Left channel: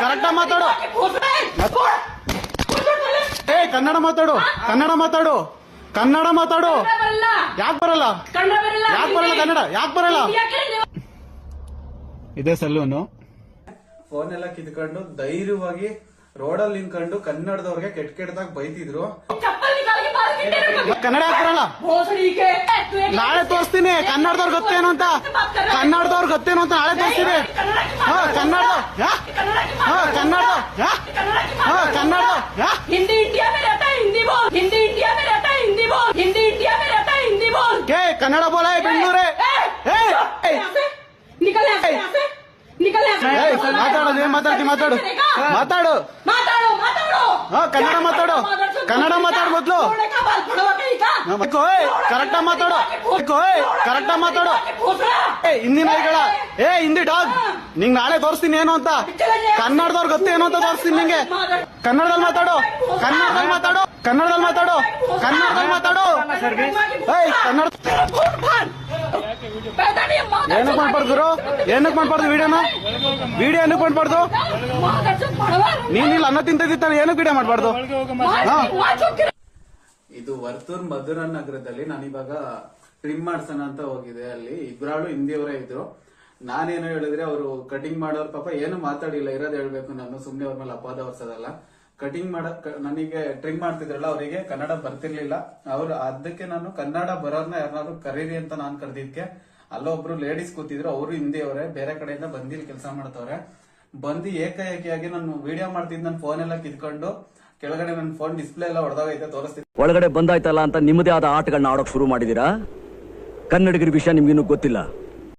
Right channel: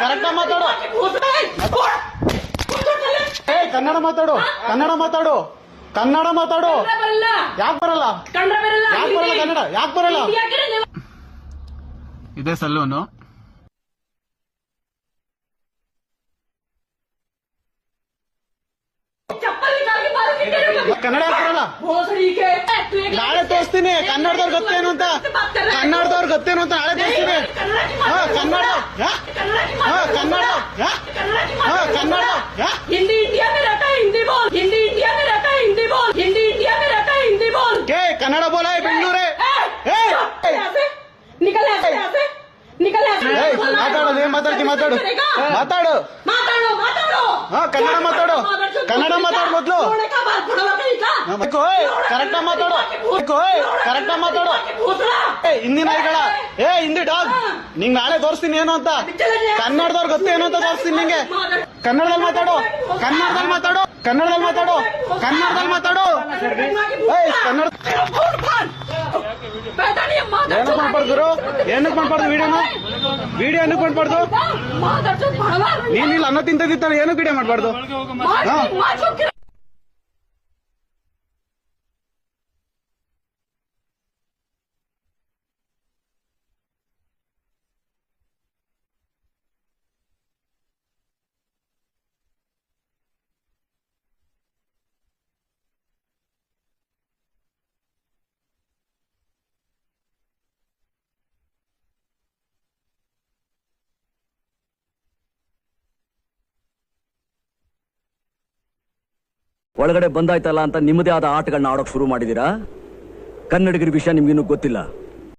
Correct ಮಾತಾಡು. ಏ ಕನ್ನಡ ಮಾತಾಡು, ಕನ್ನಡ ಮಾತಾಡು, ಕನ್ನಡ ಮಾತಾಡು. ಯಾಕೆ ಬರಲ್ಲ? ಯಾಕೆ ಬರಲ್ಲ ಕನ್ನಡ? ಯಾಕೆ ಬರಲ್ಲ? ಇದೇ ಸಲ್ಲೂನು ಫೋನ್ ಎಲ್ಲ ಕಿತ್ಕೊಂಡು ಧೈರ್ಯವಾಗಿ ರೋಡಲ್ಲಿ ನಿಂತ್ಕೊಂಡು ಕನ್ನಡದವ್ರಿಗೆ ಕೆಟ್ಟದಾಗ ಬೈತಿದ್ರು. ಕನ್ನಡ ಬರಲ್ಲ. ನಾಳೆ ತೋರಿಸ್ತೀನಿ ಕನ್ನಡದವ್ರು ಗೊತ್ತೇನು ಅಂತ, ಕನ್ನಡದವ್ರು ಗೊತ್ತೇನು ಅಂತ ನಾಳೆ ತೋರಿಸ್ತೀನಿ. ಕನ್ನಡ ಕನ್ನಡ ಕನ್ನಡ हिंदी इंडिया में रहता है, हिंदी बोल. हिंदी इंडिया में रहता है, हिंदी बोल. हिंदी इंडिया में रहता है, हिंदी बोल. ಕನ್ನಡ ಬೋಲ ಬೆಂಗಳೂರೇ. निकल यहाँ से, निकल यहाँ से. ಮಾತಾಡೋದು ಏನ್ ಮಾತಾಡ್ತಿ? ಮಾತಾಡು, ಮಾತಾಡು, ಮಾತಾಡೋ, ಮಾತಾಡೋ. ಕನ್ನಡ ಮಾತಾಡು, ಕನ್ನಡ ಮಾತಾಡು ಮೊದ್ಲು. ಕರೆಕ್ಟ್ ಮಾತಾಡು, ಕರೆಕ್ಟ್ ಮಾತಾಡು. ಹಿಂದಿ ನಾಯಿಗಳ, ಹಿಂದಿ ಡಾಗ್. ನಿಂಗ್ ನಾಳೆ ತೋರಿಸ್ತೀನಿ ಏನು ಅಂತ. ಕನ್ನಡದವ್ರು ಗೊತ್ತೇನು ಅಂತ ತೋರಿಸ್ತೀನಿ ನಿಂಗೆ. ಕನ್ನಡದಲ್ಲಿ ಮಾತಾಡು, ಕನ್ನಡದಲ್ಲಿ ಮಾತಾಡು, ಕನ್ನಡದಲ್ಲಿ ಮಾತಾಡು, ಕನ್ನಡದಲ್ಲಿ ಮಾತಾಡು. ಕನ್ನಡ ಏನಕ್ಕೆ ಮಾಡ್ಬಾರ್ದು? ಏನಕ್ಕೆ ಮಾಡ್ಬಾರ್ದು? ವಿಡಿಯೋ ಏನಕ್ಕೆ ಮಾಡ್ಬಾರ್ದು? ನೀನಿಲ್ಲ ಅನ್ನ ತಿಂತಿರ್ತಾನೆ, ಏನಕ್ಕೆ ವಿಡಿಯೋ ಮಾಡ್ಬಾರ್ದು? ಇದು ವರ್ತೂರ್ ಮಧುರನ್ ನಗರದಲ್ಲಿ ನಾನಿವಾಗ ಟ್ರಿಮ್ ಮಾಡ್ಸೋಣ ಅಂತ ಹೋಗಿದೆ. ಅಲ್ಲಿ ಇಬ್ರಾಳು ಹಿಂದಿಯವರೇ ಇದ್ರು. ನಾನೇನು ಹೇಳಿದ್ರೆ ಅವರು ಕಟಿಂಗ್ ಮಾಡೋರು ಪಾಪ ಏನು ಮಾತಾಡಿಲ್ಲ. ಇರೋದು ಹೇಳ್ಬೇಕು, ನಾನು ಸುಮ್ನೆ ಅವ್ರ ಮೇಲೆ ಅಪವಾದ ಹೊರ್ಸೋದಲ್ಲ. ಕಟಿಂಗ್ ನನಗೆ ಟ್ರಿಮ್ ಮಾಡ್ತಿದ್ರಲ್ಲ, ಅವರಿಗೆ ಕನ್ನಡ ಬರ್ತಿರ್ಲಿಲ್ಲ. ಅವ್ರು ಅದಕ್ಕೆ ನಾನು ಕನ್ನಡ ಬರೋರ್ನ ಯಾರನ್ನಾದ್ರು ಕರೀರಿ ಅಂತ ನಾನು ಕರೆದಿದ್ಕೆ ಅಲ್ಲೊಬ್ರು ಲೇಡೀಸ್ ಕೂತಿದ್ರು. ಅವರು ಹಿಂದಿಯವರೇ, ಬೇರೆ ಕಡೆಯಿಂದ ಬಂದಿಲ್ ಕೆಲಸ ಮಾಡ್ತವ್ರೆ. ಬಂದು ಏಕಾಏಕಿಯಾಗಿ ನಾನು ವಿಡಿಯೋ ಮಾಡ್ತಿದ್ ನನ್ನ ಫೋನ್ ಎಲ್ಲ ಕಿತ್ಕೊಂಡು ಕೆಳಗಡೆ ನನ್ನ ಫೋನ್ ಡಿಸ್ಪ್ಲೇ ಎಲ್ಲ ಹೊಡೆದೋಗೈತೆ, ತೋರಿಸ್ತಿದ್ದೆ. ಒಳಗಡೆ ಬಂದಾಯ್ತಲ್ಲ ಅಂತ ನಿಮ್ಮದೇ ಆದ ಆಟಗಳನ್ನ ಆಡೋಕ್ ಶುರು ಮಾಡಿದೀರಾ. ಕನ್ನಡಿಗರ ವಿಷಯ ನಿಮ್ಗಿನ್ನೂ ಗೊತ್ತಿಲ್ಲ.